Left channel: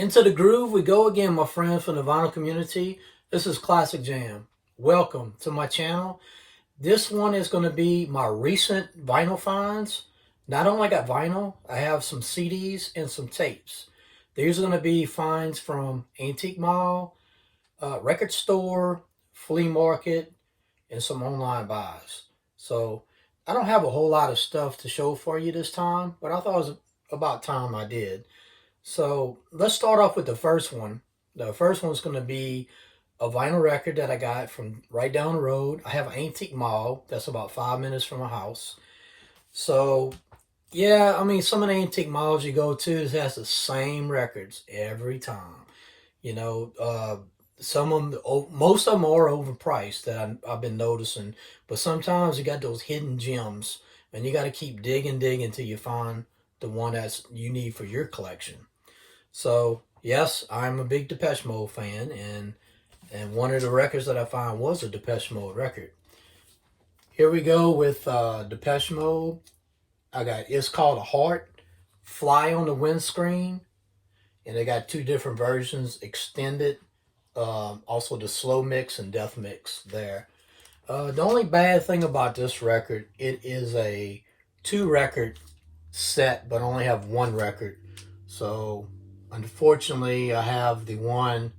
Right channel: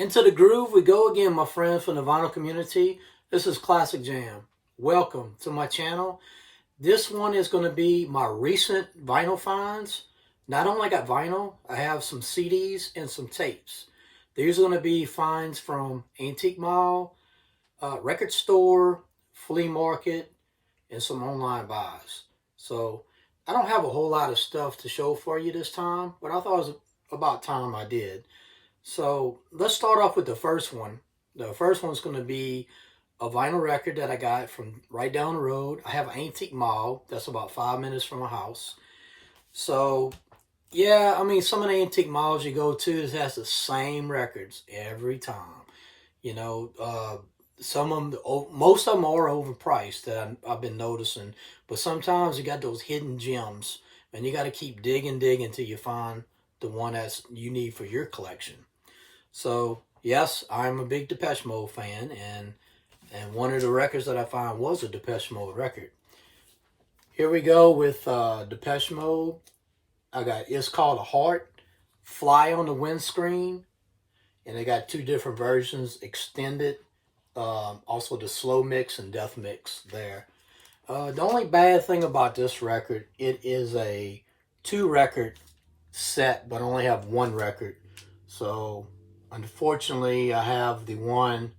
Into the groove we go again, my friends from the vinyl community. This is Classic Jam. Welcome to my channel. This one is going to be my recent vinyl finds. Not only got vinyl, I have some CDs and some tapes. These are going to be finds from Antique Mall, record store, flea market, and some online buys. So I don't have a whole lot of stuff to show for you this time, but I thought it was about time I did. So let's start off with the first one. The first one's going to be a vinyl record that I got from right down the road. I have an Antique Mall that's about 5 minutes from my house. So yeah, I mean, some of the antique malls you go to has the same records every time. You know, some of them, most of them are overpriced that I've been noticing. But sometimes you got those hidden gems, and you got to keep digging until you find the one that's you need for your collection. So yes, I'm a big Depeche Mode fan, and one of the records that I found was a Depeche Mode record. Here we go with Depeche Mode. I got It's Called a Heart, Fly on the Windscreen, and they got two different versions, extended, also the slow mix and death mix there. The only bad thing about this record, it is a two record set, but only have one record. So unfortunately, I have the one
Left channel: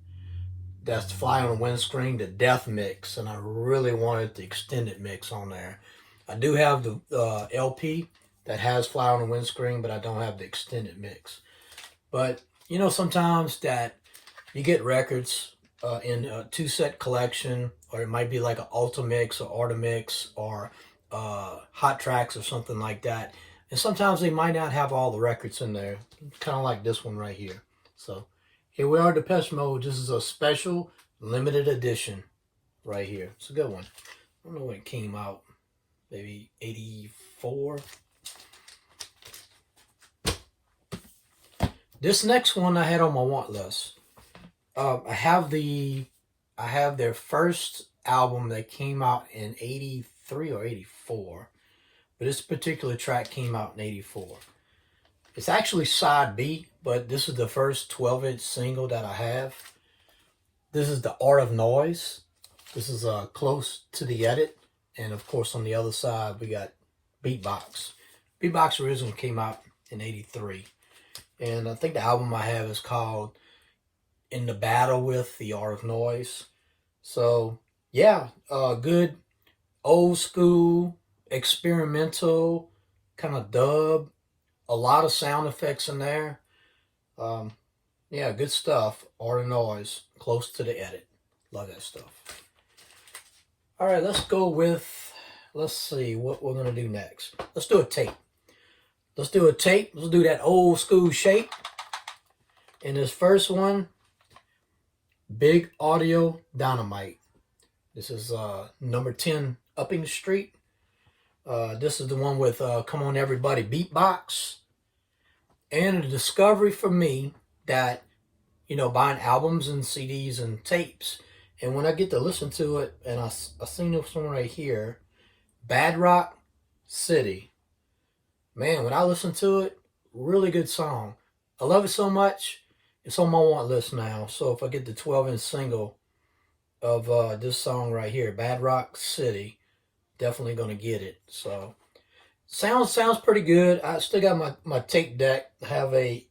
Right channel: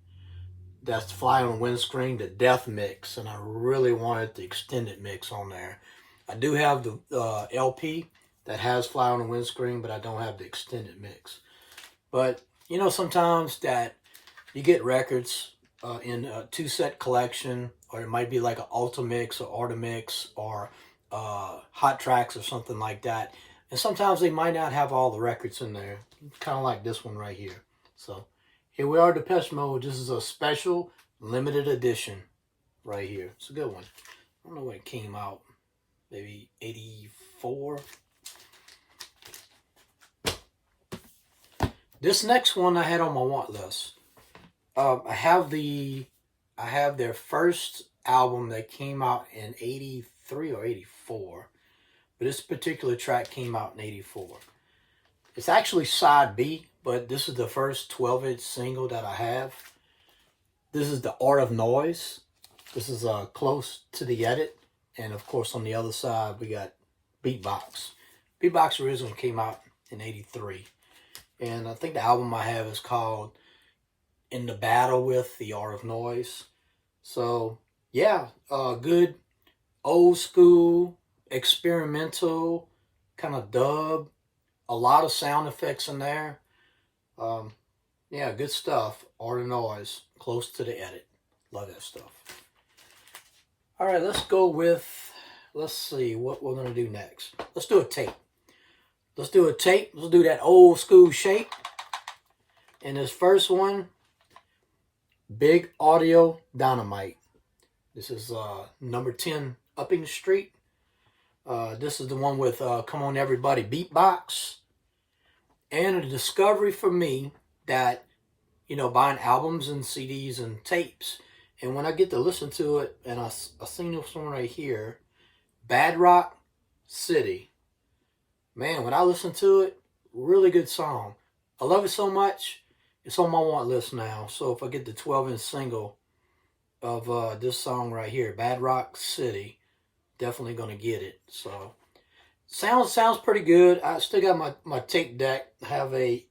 that's Fly on the Windscreen, the death mix, and I really wanted the extended mix on there. I do have the LP that has Fly on the Windscreen, but I don't have the extended mix. But you know, sometimes that you get records in a two-set collection, or it might be like an Ultimix or Artimix or Hot Tracks or something like that. And sometimes they might not have all the records in there, kind of like this one right here. So here we are, Depeche Mode. This is a special limited edition right here. It's a good one. I don't know when it came out, maybe 84. This next one I had on my want list. I have their first album that came out in 83 or 84. But this particular track came out in 84. It's actually side B, but this is the first 12-inch single that I have. This is The Art of Noise. This is close to the edit. And of course on the other side we got Beatbox. Beatbox originally came out in 83. And I think the album I have is called In the Battle with The Art of Noise. So yeah, good old school, experimental, kind of dub. A lot of sound effects in there. Yeah, good stuff. Art of Noise, close to the edit. Love that stuff. All right, let's see what we're going to do next. Let's do a tape. Let's do that old school shape. And this first one, Big Audio Dynamite. This is number 10 Upping Street. This is the one with Come On Everybody Beatbox. And a discovery for me that, you know, buying albums and CDs and tapes. And when I get to listen to it, and I seen this one right here, Bad Rock City. Man, when I listen to it, really good song. I love it so much, it's on my want list now. So if I get the 12-inch single of this song right here, Bad Rock City, definitely going to get it. So sounds pretty good. I still got my tape deck. I have a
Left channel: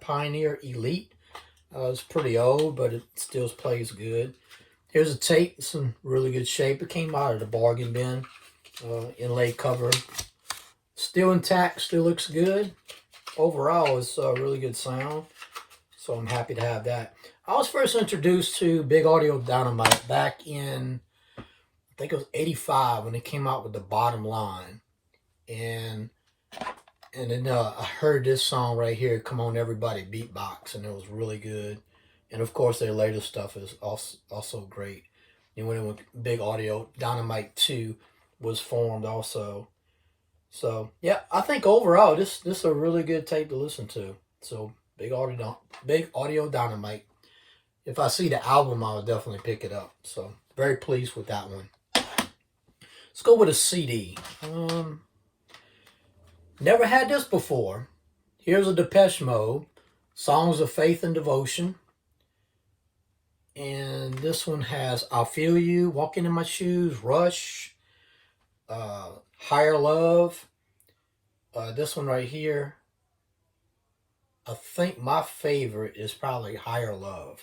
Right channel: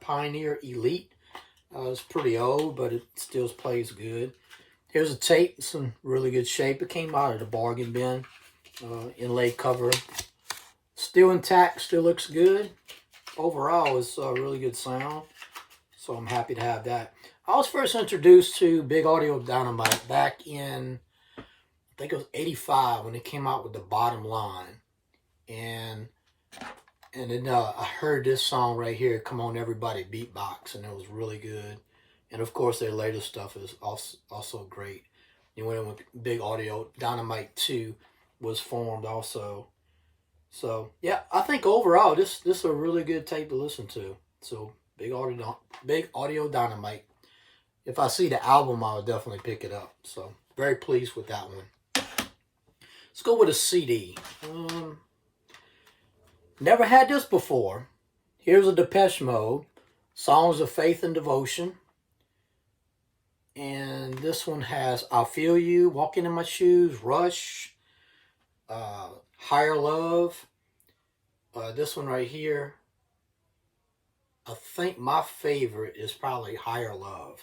Pioneer Elite. It's pretty old, but it still plays good. Here's a tape. It's in really good shape. It came out of the bargain bin. Inlaid cover. Still intact. Still looks good. Overall, it's a really good sound. So I'm happy to have that. I was first introduced to Big Audio Dynamite back in, I think it was 85 when it came out with the Bottom Line. And then I heard this song right here, Come On Everybody Beatbox, and it was really good. And of course their later stuff is also great. And when Big Audio Dynamite 2 was formed also. So yeah, I think overall this is a really good tape to listen to. So Big Audio Dynamite. If I see the album, I'll definitely pick it up. So very pleased with that one. Let's go with a CD. Never had this before. Here's a Depeche Mode. Songs of Faith and Devotion. And this one has I'll Feel You, Walking in My Shoes, Rush, Higher Love. This one right here, I think my favorite is probably Higher Love.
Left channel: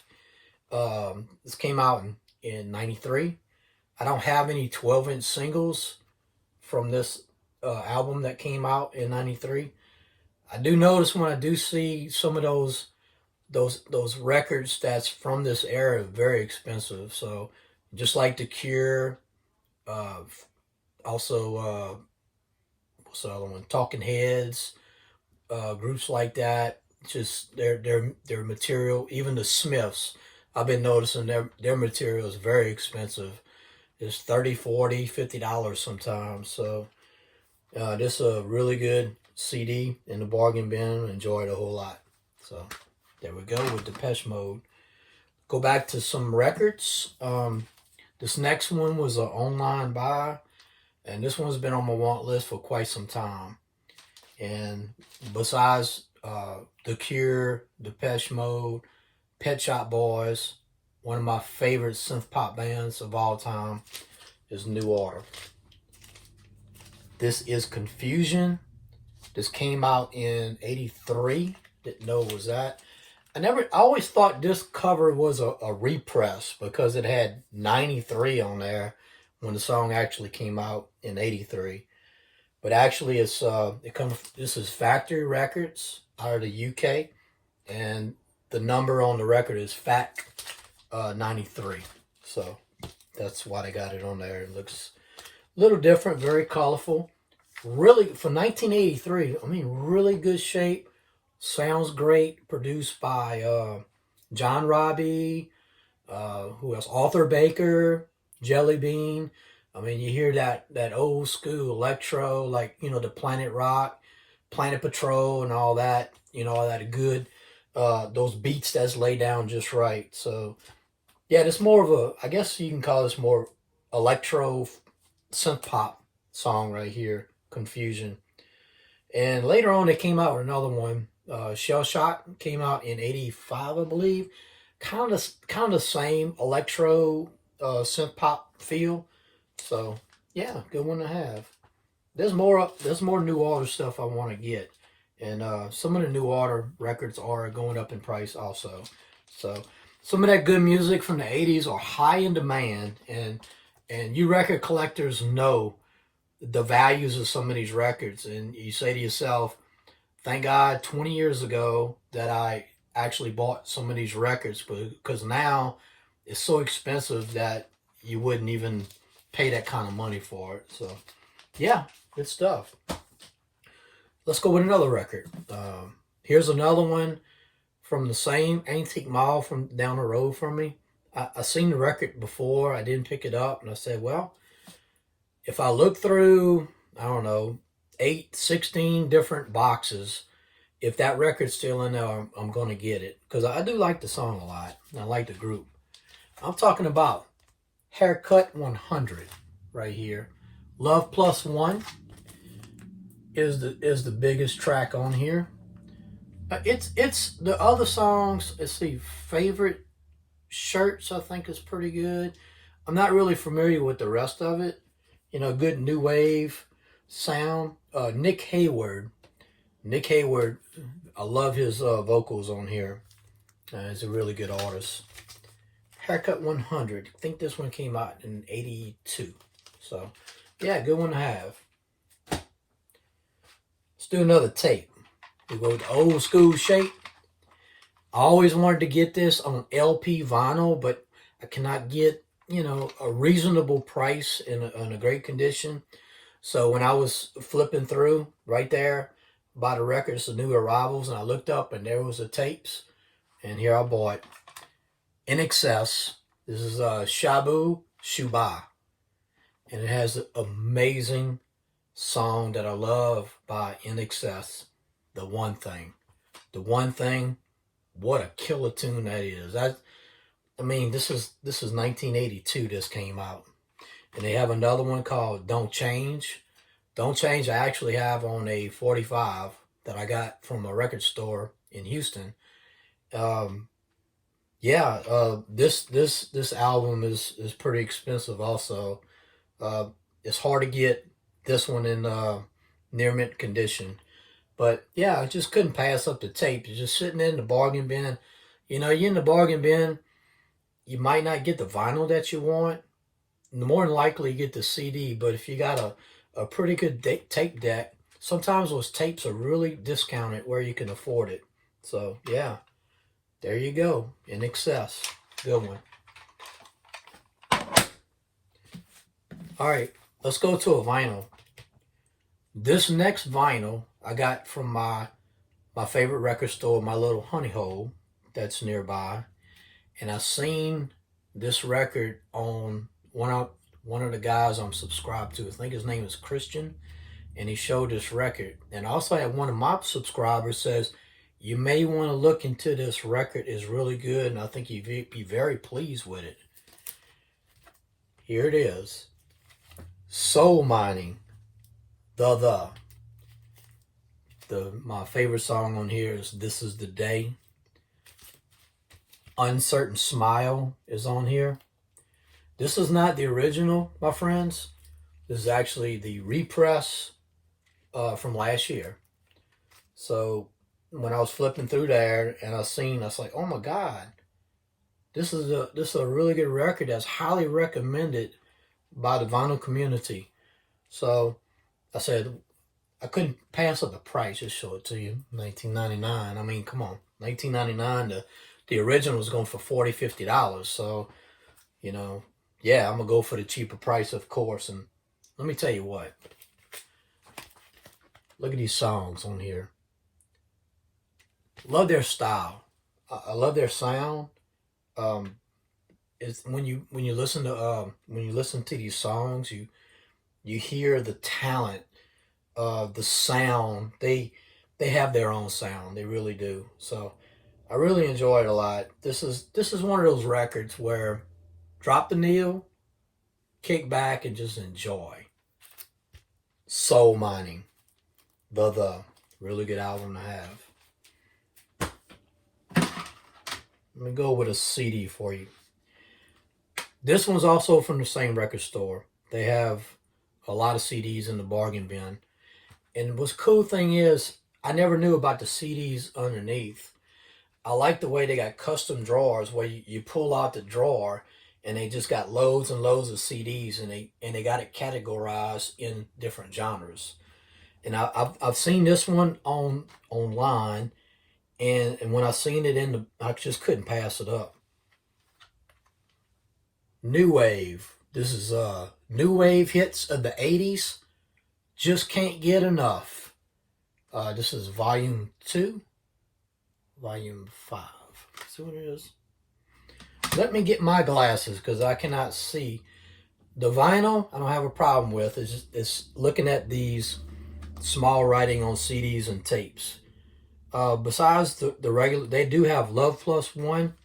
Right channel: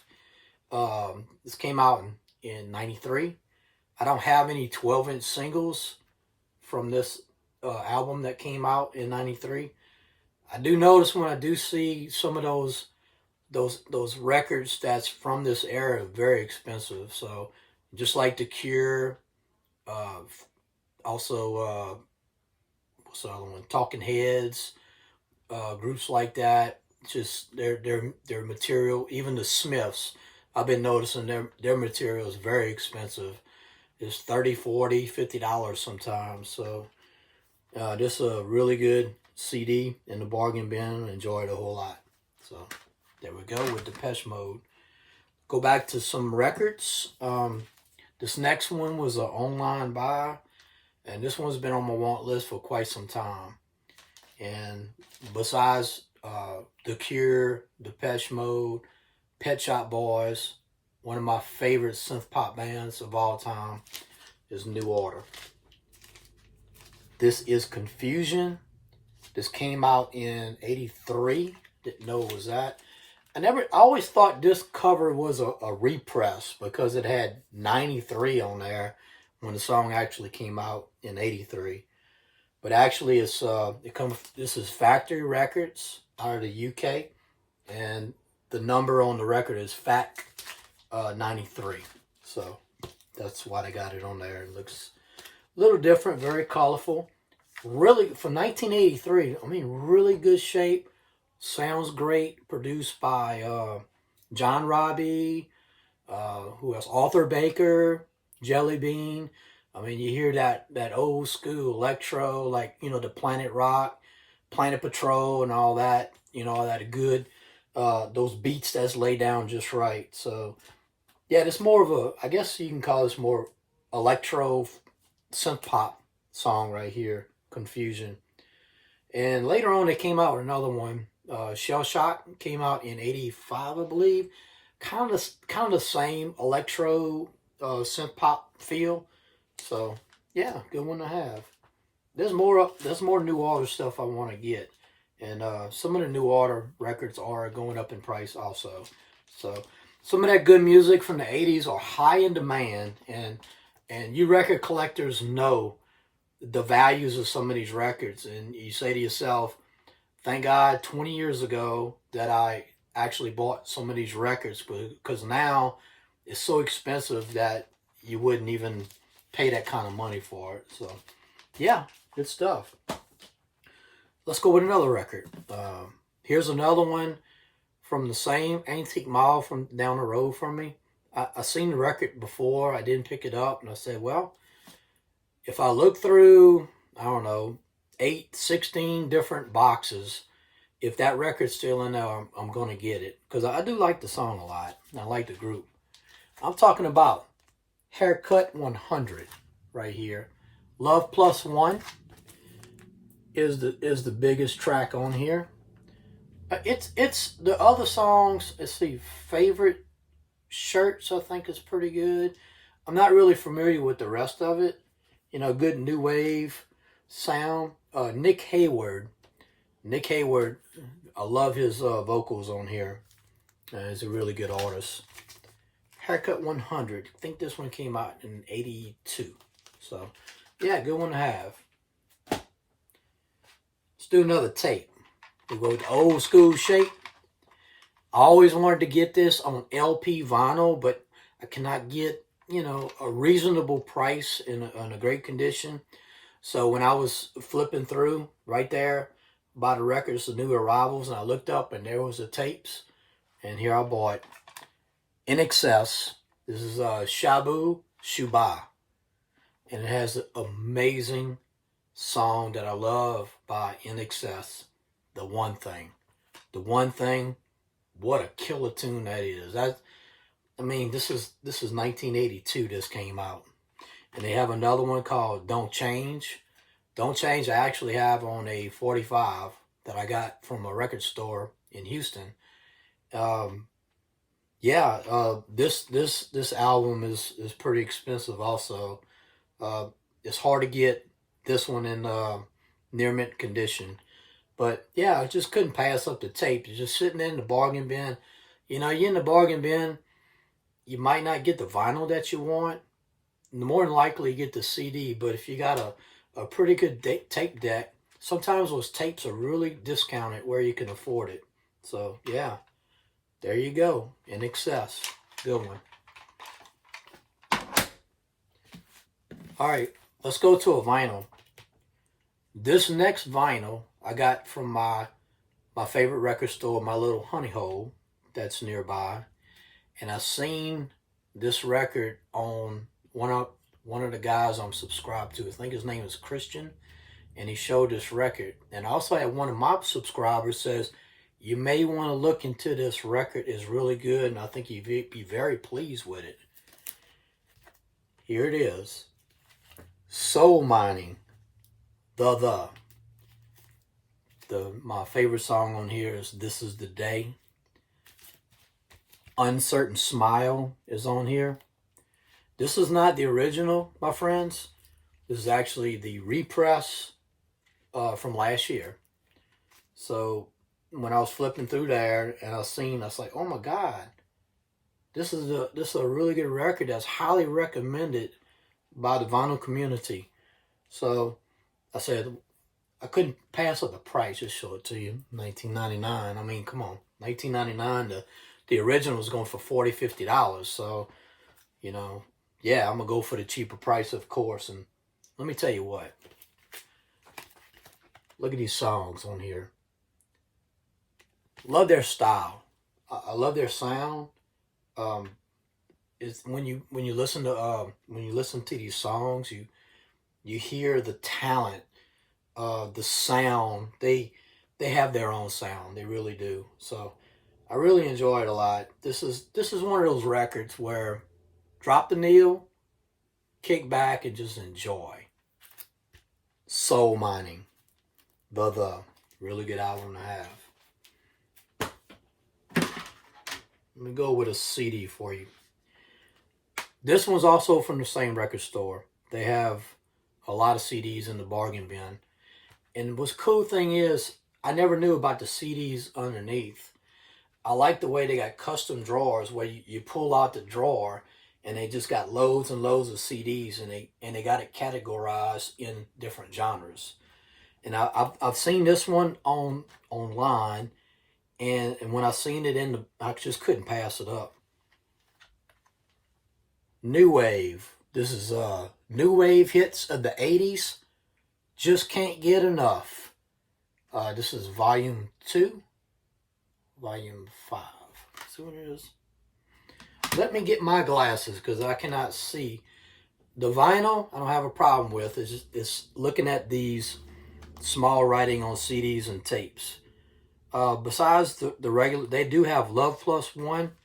This came out in 93. I don't have any 12-inch singles from this album that came out in 93. I do notice when I do see some of those records that's from this era very expensive. So just like The Cure, uh, also what's the other one? Talking Heads, groups like that. Just their material, even the Smiths. I've been noticing their material is very expensive. It's 30, 40, $50 sometimes. So this is a really good CD in the bargain bin. Enjoy it a whole lot. So there we go with Depeche Mode. Go back to some records. This next one was an online buy, and this one's been on my want list for quite some time. And besides The Cure, Depeche Mode, Pet Shop Boys, one of my favorite synth-pop bands of all time is New Order. This is Confusion. This came out in 83. Didn't know it was that. I always thought this cover was a repress because it had 93 on there when the song actually came out in 83. But actually this is Factory Records out of the UK, and the number on the record is FAC 93. So that's why they got it on there. It looks a little different, very colorful. Really, for 1983, I mean, really good shape. Sounds great. Produced by John Robbie, who else? Arthur Baker, Jelly Bean. I mean, you hear that old school electro, like, the Planet Rock, Planet Patrol, and all that. All that good, those beats that's laid down just right. So, yeah, it's more of I guess you can call this more electro synth pop song right here, Confusion. And later on, they came out with another one. Shell Shock came out in 85, I believe. Kind of the same electro synth pop feel. So yeah, good one to have. There's more New Order stuff I want to get, and some of the New Order records are going up in price also. So some of that good music from the 80s are high in demand, and you record collectors know the values of some of these records, and you say to yourself, thank God 20 years ago that I actually bought some of these records, because now it's so expensive that you wouldn't even pay that kind of money for it. So yeah, good stuff. Let's go with another record. Here's another one from the same antique mall from down the road from me. I seen the record before. I didn't pick it up, and I said, well, if I look through, I don't know, 16 different boxes, if that record's still in there, I'm going to get it. Because I do like the song a lot. I like the group. I'm talking about Haircut 100 right here. Love Plus One is the biggest track on here. It's the other songs. Let's see, Favorite Shirts I think is pretty good. I'm not really familiar with the rest of it. Good new wave sound. Nick Hayward, I love his vocals on here. He's a really good artist. Haircut 100. I think this one came out in 82. So, yeah, good one to have. Let's do another tape. We go with the old school shape. I always wanted to get this on LP vinyl, but I cannot get, a reasonable price in a great condition. So when I was flipping through right there by the records, the new arrivals, and I looked up and there was the tapes, and here I bought In Excess. This is Shabu Shuba, and it has an amazing song that I love by In Excess, The One Thing. The One Thing, what a killer tune that is. I mean, this is 1982 this came out. And they have another one called Don't Change. Don't Change I actually have on a 45 that I got from a record store in Houston. Yeah, this album is pretty expensive also. Uh, it's hard to get this one in near mint condition. But yeah, I just couldn't pass up the tape. You're just sitting in the bargain bin. You know, you're in the bargain bin, you might not get the vinyl that you want. More than likely you get the CD, but if you got a pretty good tape deck, sometimes those tapes are really discounted where you can afford it. So yeah, there you go. In excess. Good one. All right, let's go to a vinyl. This next vinyl I got from my favorite record store, my little honey hole that's nearby, and I seen this record on one of the guys I'm subscribed to. I think his name is Christian, and he showed this record. And I also had one of my subscribers says, you may want to look into this record. It's really good, and I think you'd be very pleased with it. Here it is. Soul Mining. My favorite song on here is This Is the Day. Uncertain Smile is on here. This is not the original, my friends. This is actually the repress from last year. So when I was flipping through there and I was like, oh my God, this is a really good record that's highly recommended by the vinyl community. So I said, I couldn't pass up the price, just show it to you. $19.99. I mean, come on. $19.99. The original was going for $40, $50. So, you know, yeah, I'm going to go for the cheaper price, of course. And let me tell you what. Look at these songs on here. Love their style. I love their sound. It's when you listen to these songs, you hear the talent, the sound. They have their own sound. They really do. So I really enjoy it a lot. This is one of those records where drop the needle, kick back, and just enjoy. Soul Mining. The really good album to have. Let me go with a CD for you. This one's also from the same record store. They have a lot of CDs in the bargain bin. And what's cool thing is, I never knew about the CDs underneath. I like the way they got custom drawers where you pull out the drawer and they just got loads and loads of CDs, and they got it categorized in different genres. And I've seen this one online, and when I seen it I just couldn't pass it up. New Wave. This is New Wave hits of the 80s. Just can't get enough. This is volume 2. Volume 5. See what it is? Let me get my glasses because I cannot see. The vinyl, I don't have a problem with. It's looking at these small writing on CDs and tapes. Besides the regular, they do have Love Plus One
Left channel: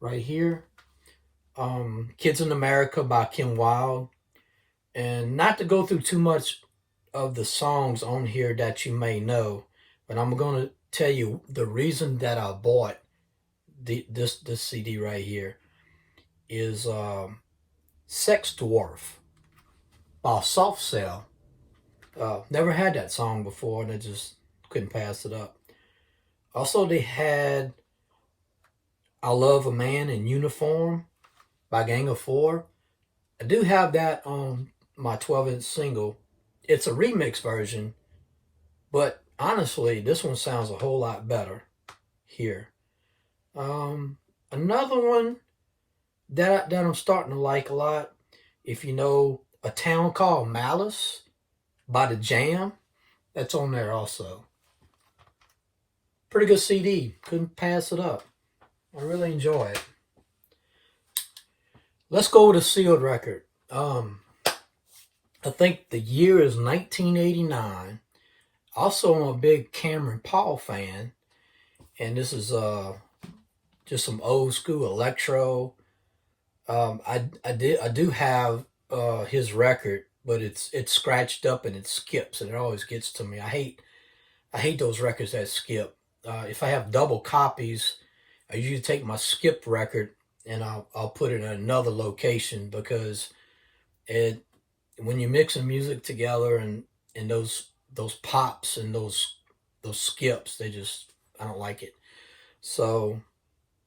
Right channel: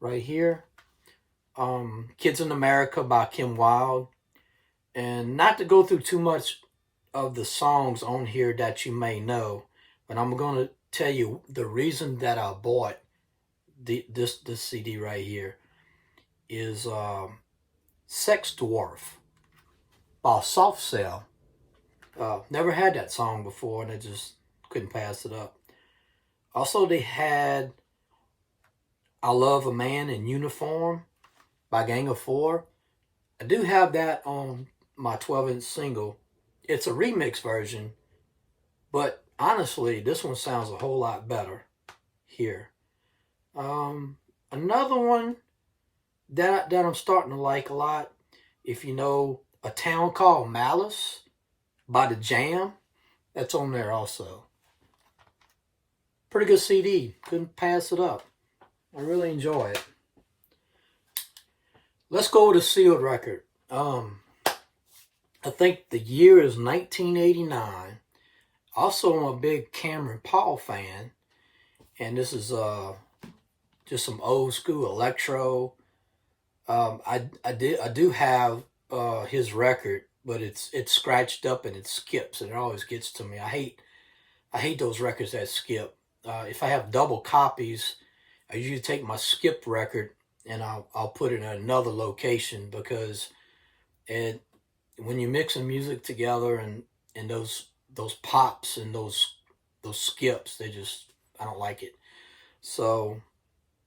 right here. Kids in America by Kim Wilde. And not to go through too much of the songs on here that you may know, but I'm going to tell you the reason that I bought this CD right here is Sex Dwarf by Soft Cell. Never had that song before, and I just couldn't pass it up. Also, they had I Love a Man in Uniform by Gang of Four. I do have that on my 12-inch single. It's a remix version, but honestly, this one sounds a whole lot better here. Another one that I'm starting to like a lot, if you know A Town Called Malice by The Jam, that's on there also. Pretty good CD. Couldn't pass it up. I really enjoy it. Let's go with a sealed record. I think the year is 1989. Also, I'm a big Cameron Paul fan, and this is just some old school electro. I do have his record, but it's scratched up and it skips, and it always gets to me. I hate those records that skip. if I have double copies, I usually take my skipped record and I'll put it in another location, because it when you're mixing music together, and those pops and those skips, they just, I don't like it. So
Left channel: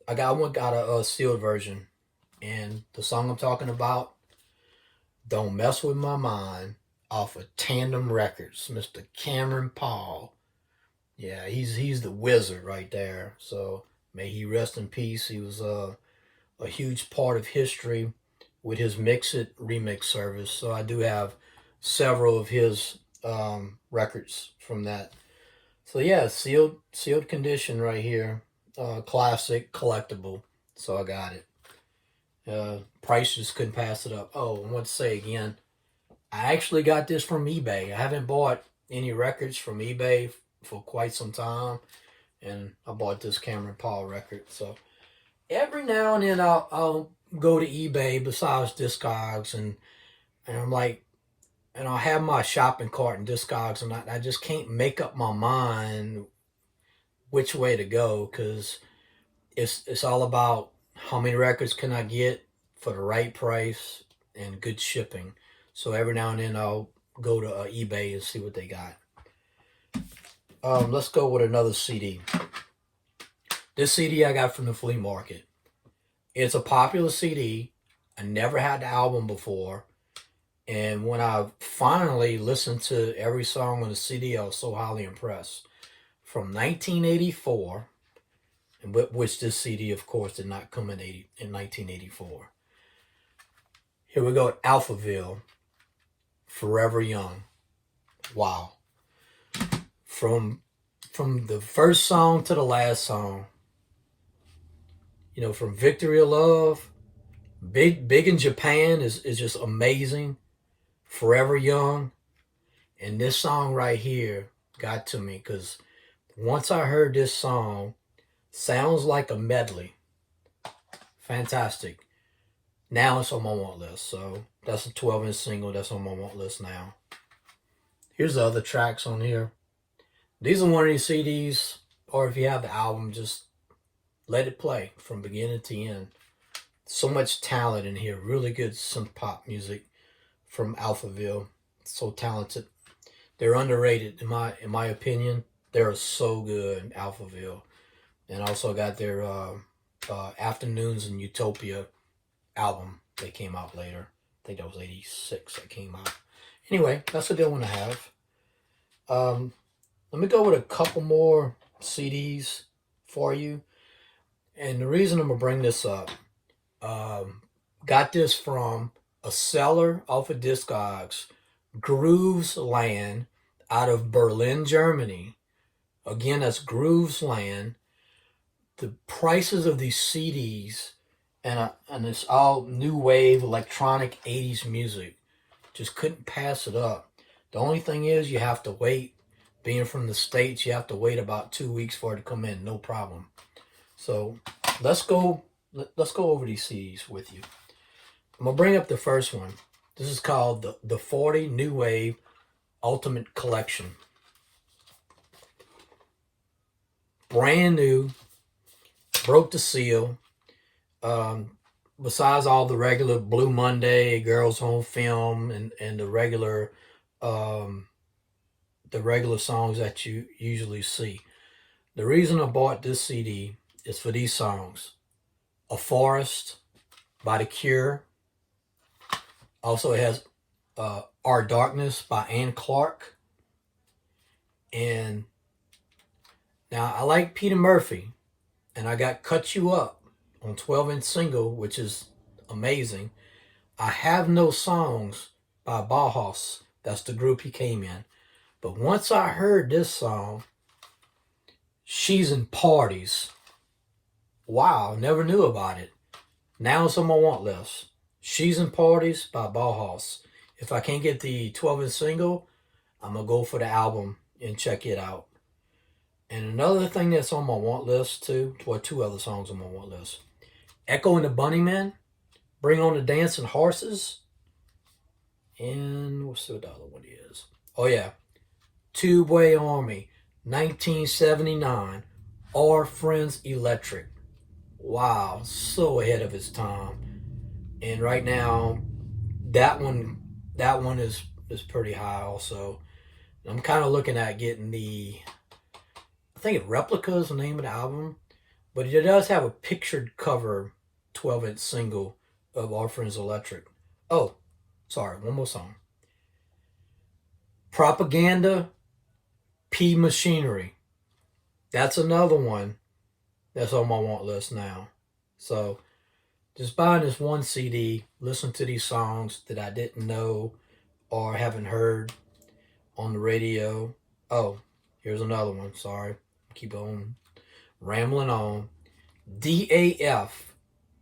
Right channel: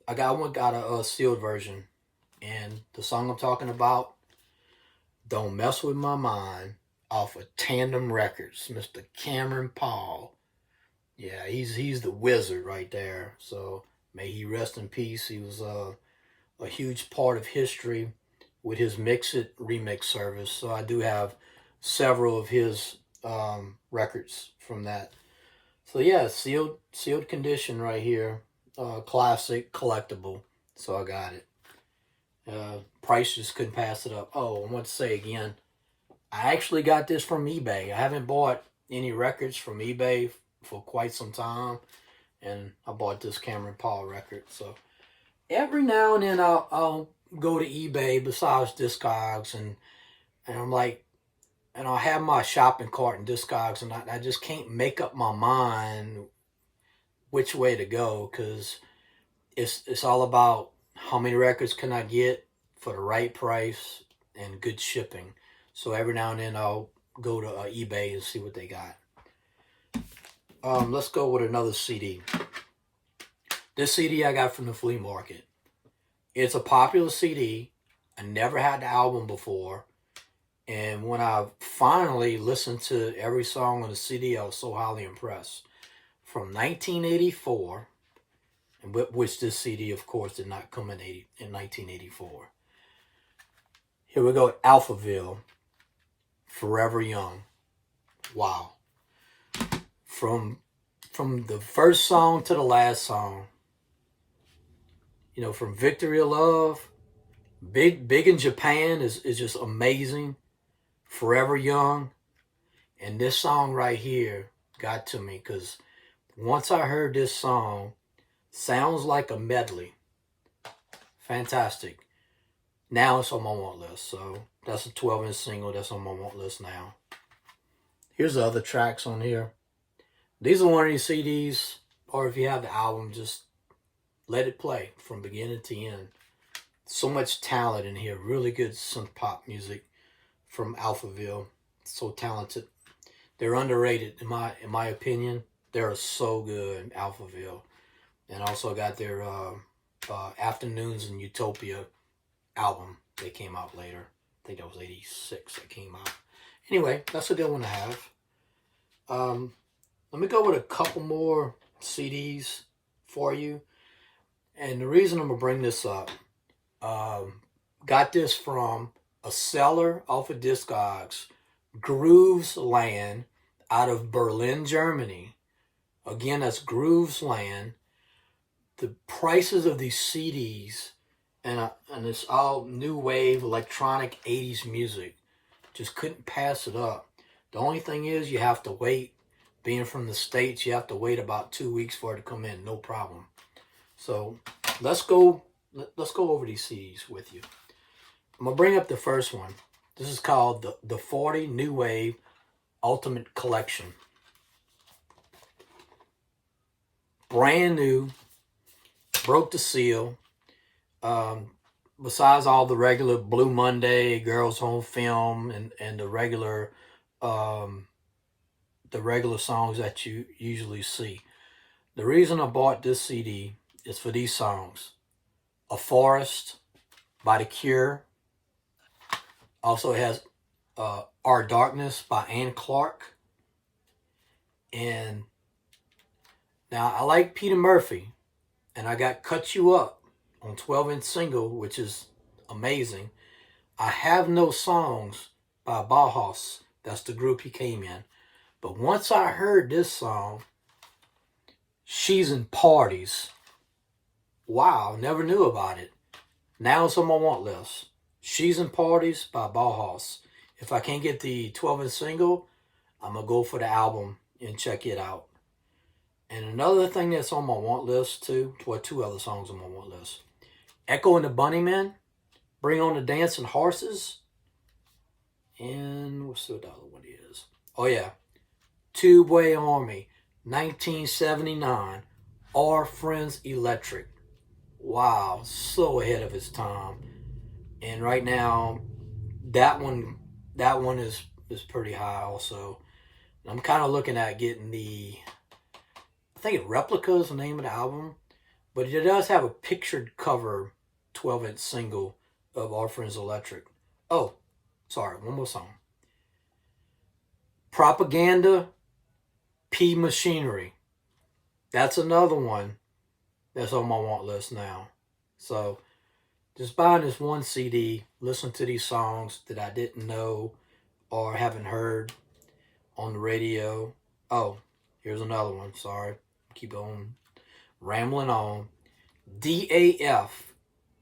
I got a sealed version, and the song I'm talking about, "Don't Mess with My Mind," off of Tandem Records, Mr. Cameron Paul. Yeah, he's the wizard right there. So may he rest in peace. He was a huge part of history with his Mix It remix service. So I do have several of his records from that. So yeah, sealed condition right here, classic collectible. So I got it. Price just couldn't pass it up. Oh, I want to say again, I actually got this from eBay. I haven't bought any records from eBay for quite some time, and I bought this Cameron Paul record. So every now and then I'll go to eBay besides Discogs, and I'm like, and I'll have my shopping cart in Discogs, and I just can't make up my mind which way to go, because it's all about how many records can I get for the right price and good shipping. So every now and then I'll go to eBay and see what they got. Let's go with another CD. This CD I got from the flea market. It's a popular CD. I never had the album before. And when I finally listened to every song on the CD, I was so highly impressed. From 1984, and which this CD, of course, did not come in 1984. Here we go, Alphaville, Forever Young. Wow. From the first song to the last song, from Victory of Love, Big in Japan is just amazing. Forever Young, and this song right here got to me, because once I heard this song, sounds like a medley. Fantastic. Now it's on my want list. So that's a 12-inch single that's on my want list now. Here's the other tracks on here. These are one of these CDs, or if you have the album, just let it play from beginning to end. So much talent in here. Really good synth-pop music from Alphaville. So talented. They're underrated in my opinion. They're so good, Alphaville. And also got their Afternoons in Utopia album. They came out later. I think that was 86 that came out. Anyway, that's a good one to have. Let me go with a couple more CDs for you. And the reason I'm going to bring this up, got this from a seller off of Discogs, Grooves Land, out of Berlin, Germany. Again, that's Grooves Land. The prices of these CDs, and it's all new wave electronic 80s music, just couldn't pass it up. The only thing is, you have to wait. Being from the States, you have to wait about 2 weeks for it to come in, no problem. So let's go over these CDs with you. I'm gonna bring up the first one. This is called the 40 New Wave Ultimate Collection. Brand new, broke the seal. Besides all the regular Blue Monday, Girls Home Film, and the regular songs that you usually see. The reason I bought this CD is for these songs. A Forest by The Cure. Also, it has Our Darkness by Ann Clark. And now I like Peter Murphy, and I got Cut You Up on 12-inch single, which is amazing. I Have No Songs by Bauhaus. That's the group he came in. But once I heard this song, She's in Parties. Wow, never knew about it. Now it's on my want list. She's in Parties by Bauhaus. If I can't get the 12-inch single, I'm going to go for the album and check it out. And another thing that's on my want list too, well, two other songs on my want list. Echo and the Bunnymen, Bring on the Dancing Horses. And what's the other one is? Oh yeah, Tubeway Army, 1979, Our Friends Electric. Wow, so ahead of its time. And right now, that one, that one is pretty high also. I'm kind of looking at getting the, I think Replica is the name of the album, but it does have a pictured cover 12-inch single of Our Friends Electric. Oh, sorry, one more song. Propaganda, P Machinery. That's another one that's on my want list now. So just buying this one CD, listen to these songs that I didn't know or haven't heard on the radio. Oh, here's another one. Sorry. Keep on rambling on. DAF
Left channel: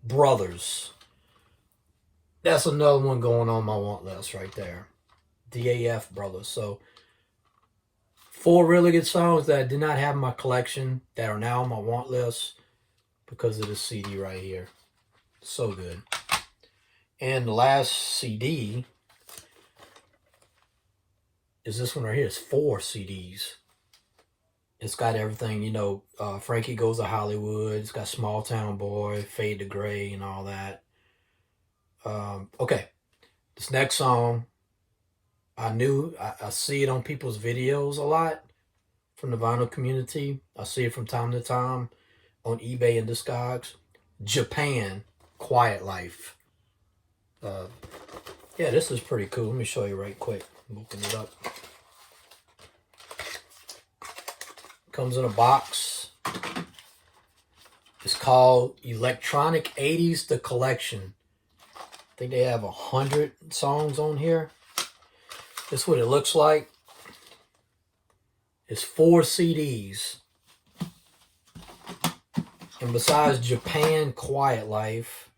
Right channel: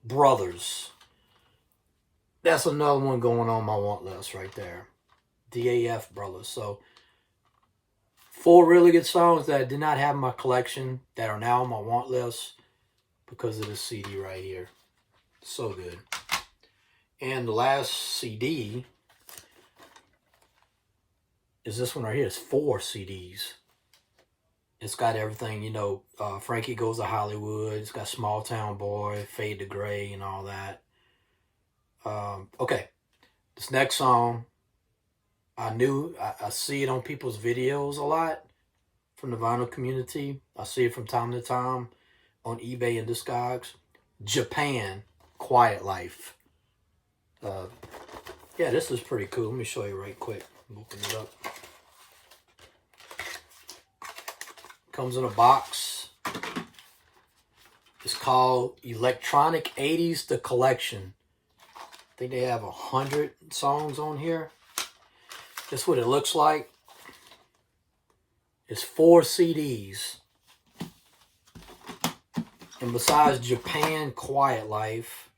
Brothers. That's another one going on my want list right there. DAF Brothers. So 4 really good songs that I did not have in my collection that are now on my want list because of this CD right here. So good. And the last CD is this one right here. It's 4 CDs. It's got everything, you know, Frankie Goes to Hollywood. It's got Small Town Boy, Fade to Gray, and all that. Okay, this next song, I see it on people's videos a lot from the vinyl community. I see it from time to time on eBay and Discogs. Japan, Quiet Life. Yeah, this is pretty cool. Let me show you right quick. Open it up. Comes in a box. It's called Electronic 80s The Collection. I think they have 100 songs on here. That's what it looks like. It's 4 CDs. And besides Japan Quiet Life,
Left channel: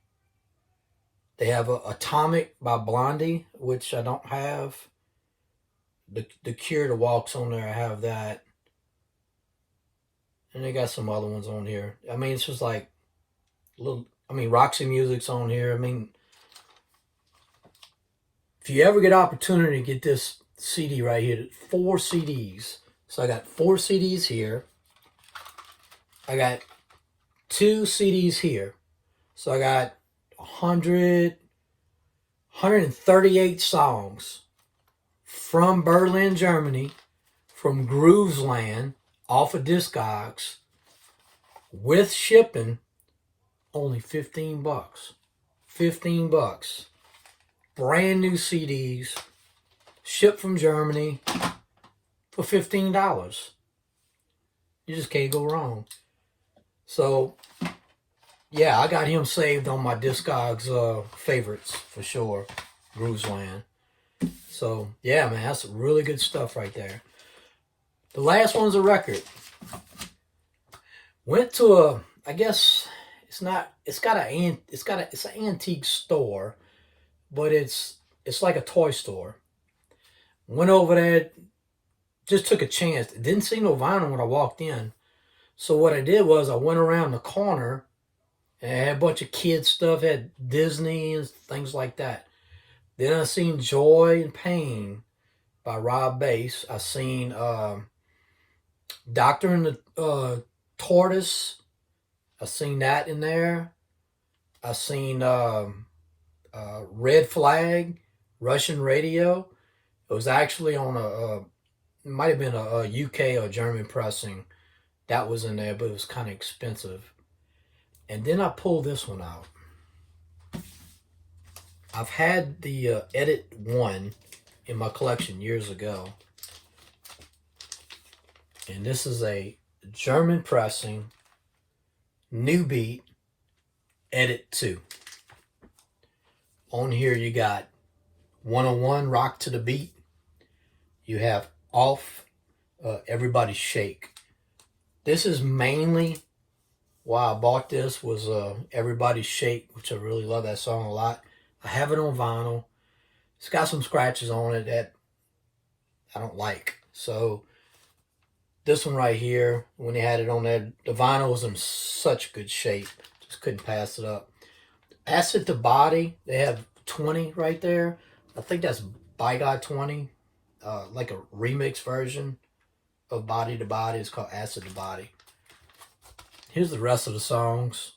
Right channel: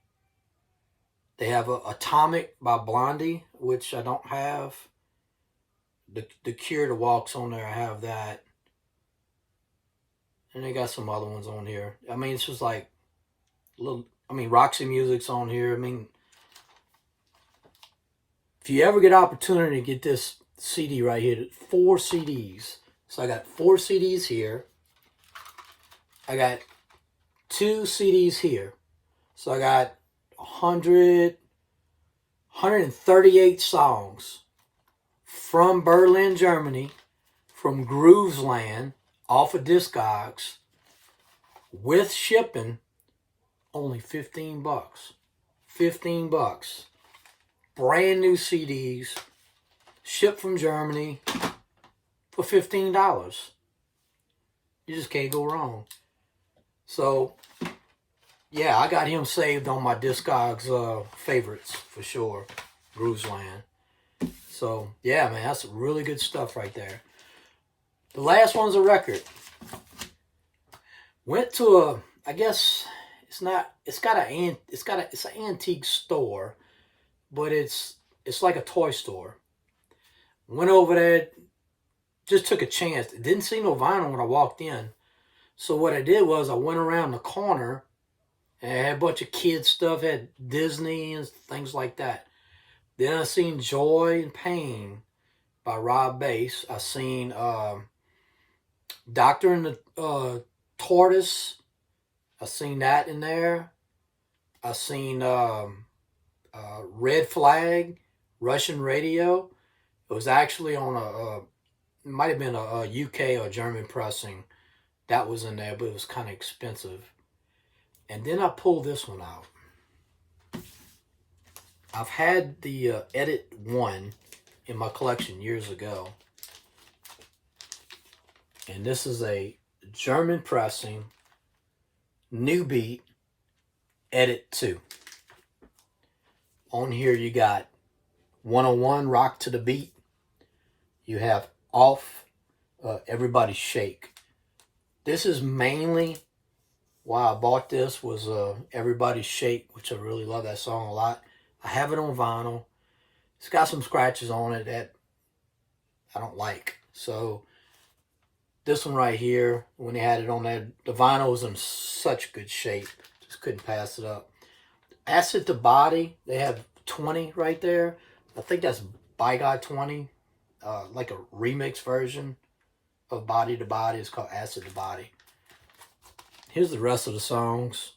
they have Atomic by Blondie, which I don't have. The Cure, The Walks on there, I have that. And they got some other ones on here. I mean, it's just like little. I mean, Roxy Music's on here. I mean, if you ever get opportunity to get this CD right here, 4 CDs. So I got 4 CDs here. I got 2 CDs here. So I got 138 songs from Berlin, Germany, from Groovesland, off of Discogs, with shipping, only $15. $15. Brand new CDs, shipped from Germany for $15. You just can't go wrong. So, yeah, I got him saved on my Discogs favorites for sure. Groovesland. So, yeah, man, that's really good stuff right there. The last one's a record. Went to I guess it's not, it's an antique store, but it's like a toy store. Went over there, just took a chance. Didn't see no vinyl when I walked in. So what I did was I went around the corner and had a bunch of kids stuff, had Disney and things like that. Then I seen Joy and Pain by Rob Bass. I seen Doctor and the Tortoise. I seen that in there. I seen Red Flag, Russian Radio. It was actually on it might have been a UK or German pressing. That was in there, but it was kind of expensive. And then I pulled this one out. I've had the Edit 1 in my collection years ago. And this is a German pressing, New Beat, Edit 2. On here you got 101, Rock to the Beat. You have Off, Everybody Shake. This is mainly why I bought this, was Everybody Shake, which I really love that song a lot. I have it on vinyl. It's got some scratches on it that I don't like. So this one right here, when they had it on there, the vinyl was in such good shape. Just couldn't pass it up. Acid to Body, they have 20 right there. I think that's By God 20, like a remix version of Body to Body. It's called Acid to Body. Here's the rest of the songs.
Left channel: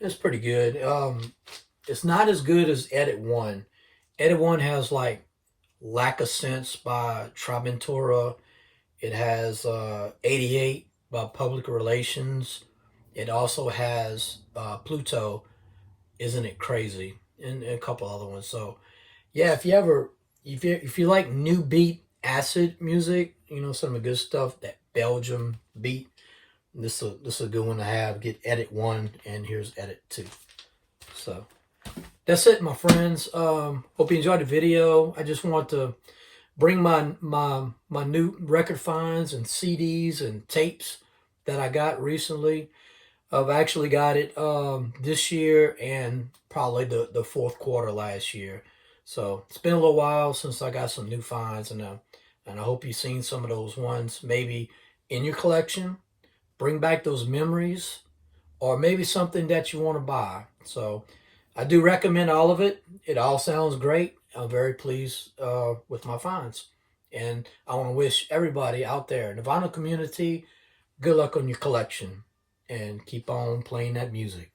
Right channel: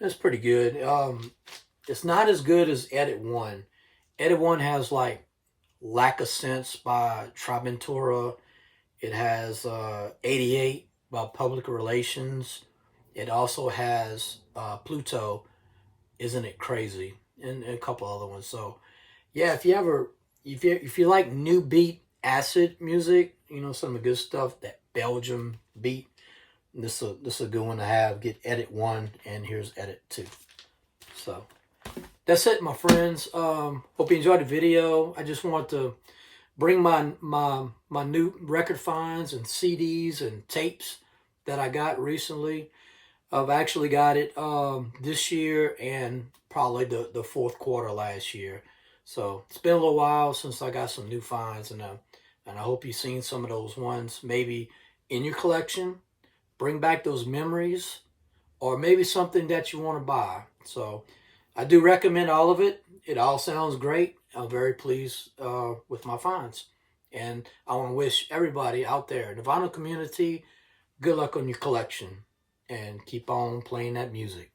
It's pretty good. It's not as good as Edit One. Edit One has like Lack of Sense by Triventura. It has 88 by Public Relations. It also has Pluto, Isn't It Crazy? And a couple other ones. So yeah, if you like new beat acid music, you know, some of the good stuff, that Belgium beat, this is a good one to have. Get Edit One, and here's Edit Two. So that's it, my friends. Hope you enjoyed the video. I just want to bring my new record finds and CDs and tapes that I got recently. I've actually got it this year and probably the fourth quarter last year. So it's been a little while since I got some new finds, and I hope you've seen some of those ones maybe in your collection. Bring back those memories, or maybe something that you want to buy. So I do recommend all of it. It all sounds great. I'm very pleased with my finds. And I want to wish everybody out there in the vinyl community good luck on your collection, and keep on playing that music.